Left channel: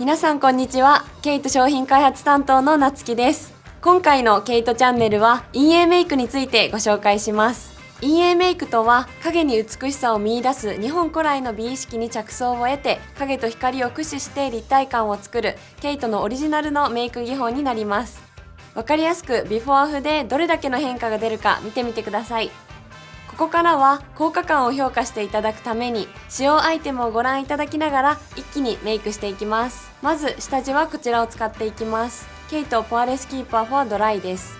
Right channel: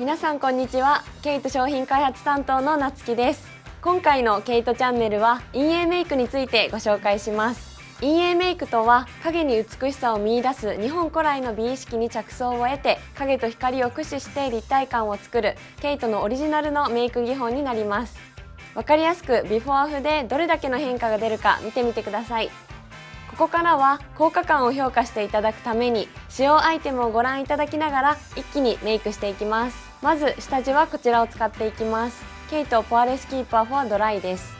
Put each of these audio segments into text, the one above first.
皆さんこんにちは。ケイト商品開発担当のなつきです。今回のケイトチャンネルは陰影メイクについてご紹介します。陰影メイクとは影に美しさを見出す日本古来の美意識に着想を得て影と光を駆使して立体感を作るケイトのオリジナルのメイク技法になります。わかりやすくビフォーアフでどれだけの変化が出るか見てみてください。ここからは効果感を評価していただくために使用アイテムをご覧いただきながら一気にメイクしていきます。まず下地はこちらを使っていきます。ケイトポアレスキーパーフォアドライです。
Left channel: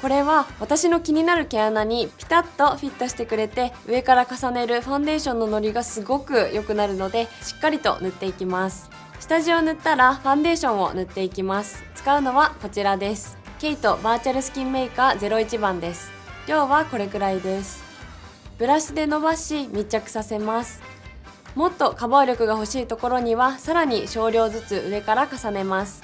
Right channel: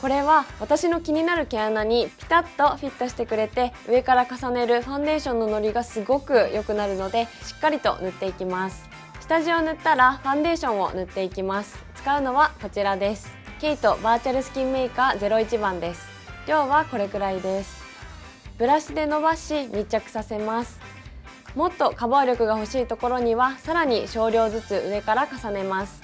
これは私の気になる毛穴にピタッとフィットしてくれて、上から重ねるファンデーションののりがすごく良くなるのでしっかりと塗っていきます。下地を塗ったらファンデーションを塗っていきます。使うのはこちらです。ケイトバーチャルスキンメーカー01番です。量はこれくらいです。ブラシで伸ばし密着させます。もっとカバー力が欲しいところにはさらに少量ずつ上から重ねます。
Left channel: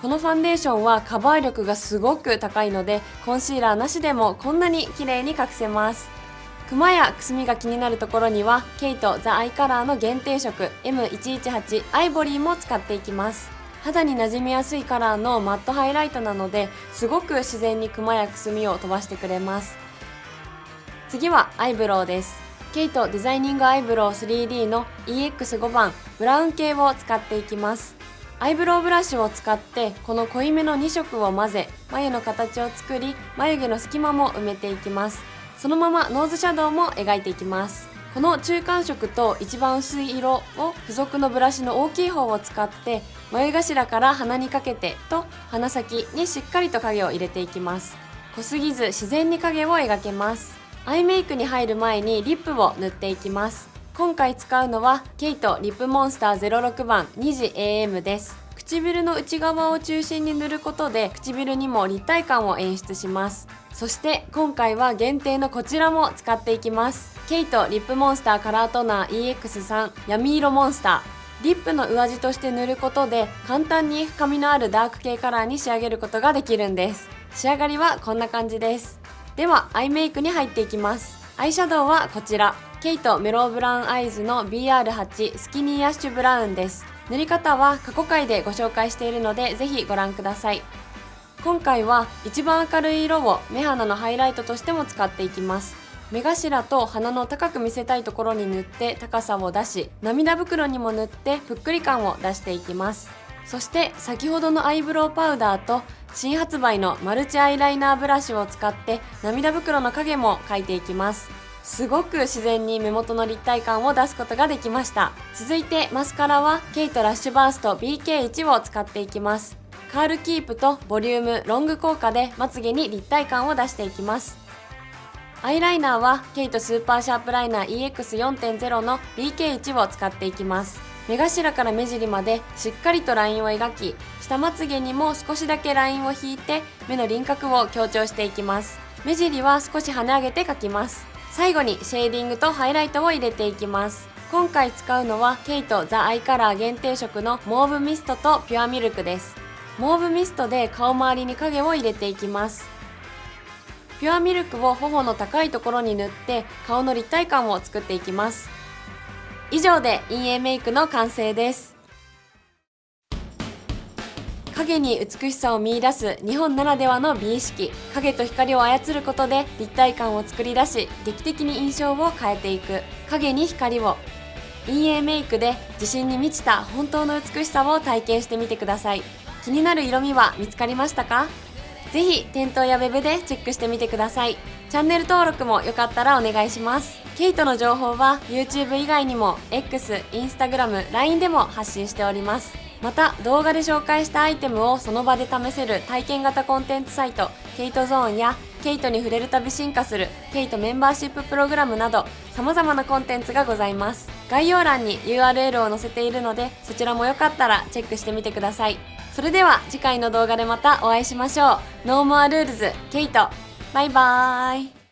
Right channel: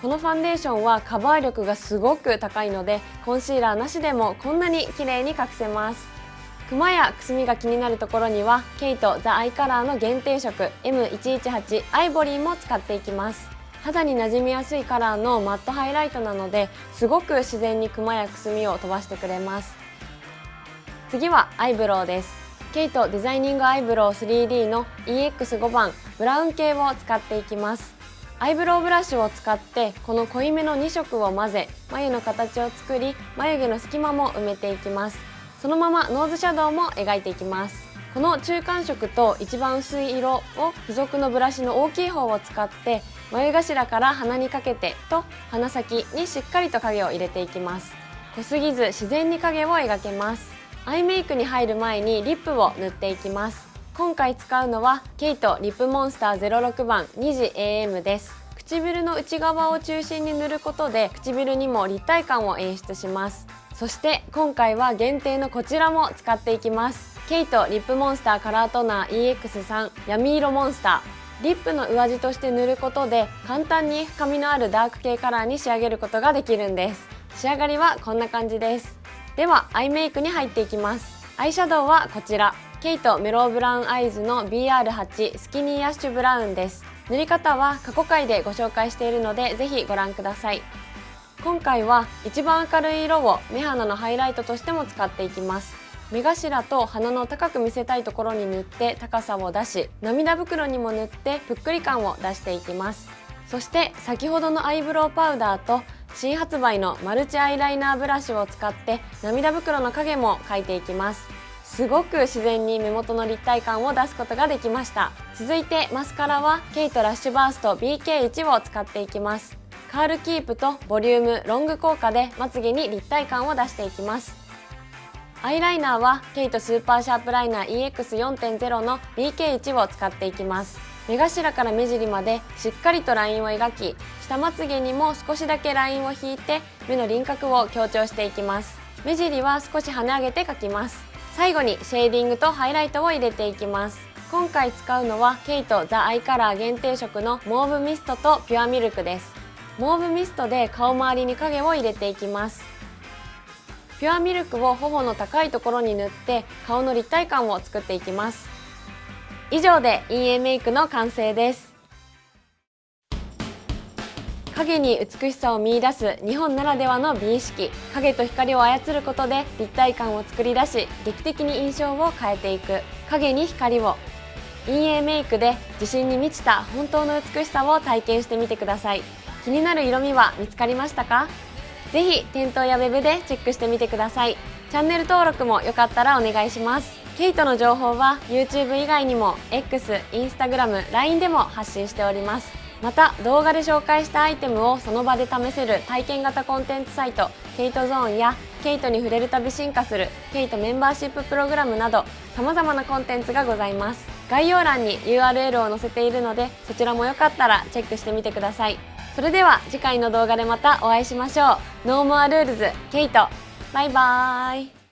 このファンデーションはカバー力がすごく高いのでコンシーラーなしでもこんなに綺麗に隠せます。クマやくすみが気になるところにはケイトザアイカラーの限定色 M118 アイボリーも使っていきます。肌に馴染みやすいカラーのマットハイライトなのですごく自然にクマやくすみを飛ばしてくれます。次はアイブロウです。ケイトデザイニングアイブロウ 3D の EX5 番ブラウン系を使っていきます。アイブロウブラシを使ってこの濃いめの2色を混ぜ眉の形を作り、眉毛の隙間も埋めていきます。そのままノーズシャドウも描いていきます。この中間色と一番薄い色を付属のブラシの大きい方を使って眉頭から鼻にかけてと鼻先にしっかりと影を入れていきます。濃すぎず自然に影を描けます。アイメイクに入る前にリップを塗っていきます。今回使うのはケイトリップモンスター06番2時 AM です。唇の内側を中心に塗ることで唇にも立体感を演出します。そして今回は限定のこちらも使っていきます。ケイトリップモンスターカラートナー EX3 闇色モンスター。リップの上地として塗ることで簡単に深みのあるダーク系カラーに仕上げることができるんです。仕上がりはこんな感じです。ではアイメイクに入っていきます。アイシャドウはこちらケイトメロウブラウンアイズの BR8 スキニーアッシュブラウンです。塗り方は過去回でご紹介しているのでぜひご覧ください。今回は一番明るい色を目鼻のハイライトとしても使っていきます。目頭と鼻の高く見せたいところに塗って高さを出し、涙袋にも塗ってぷっくり感を出していきます。そして先ほどのアイブロウパウダーと新発売のマルチアイライナーブラシを使って涙袋の影も描いていきます。すごく自然に目元の立体感を出すことができました。続いてマスカラはケイトラッシュバースト BK1 を使っていきます。カールキープとボリュームロング効果でまつげに立体感を出していきます。アイライナーはケイトスーパーシャープライナー EX4.0 の BK1 を使っていきます。目頭から目尻までしっかりとラインを描き、下まつげにも少しだけラインを引いて目の輪郭を強調していきます。目尻は少し跳ね上げて描きます。最後にシェーディングとハイライトを入れていきます。今回使うのはケイトザアイカラー限定色のモーブミストとピュアミルクです。モーブミストで顔周りに影を入れていきます。ピュアミルクを頬の高いところに塗って顔の立体感を作っていきます。以上で陰影メイクの完成です。影に美しさを見出す日本ならではの美意識、影と光を操ることで立体感を作り出し劇的に印象を変えていく影に光を。陰影メイクで自信に満ちた本当の美しさを体験してみてください。気になる色味は見つかりましたか？ぜひ店頭やウェブでチェックしてみてください。チャンネル登録もよかったらお願いします。ケイトの情報は YouTube 以外にも X、Instagram、LINE でも発信しております。また動画で紹介したアイテムをその場で試せる体験型コンテンツサイトケイトゾーンやケイトに触れるたび進化するケイトメンバーシッププログラムなど様々なコンテンツがございます。概要欄に URL を載せているのでそちらもよかったらチェックしてみてください。それでは次回の動画でまたお会いしましょう。ノーモアルールズケイト。バイバーイ。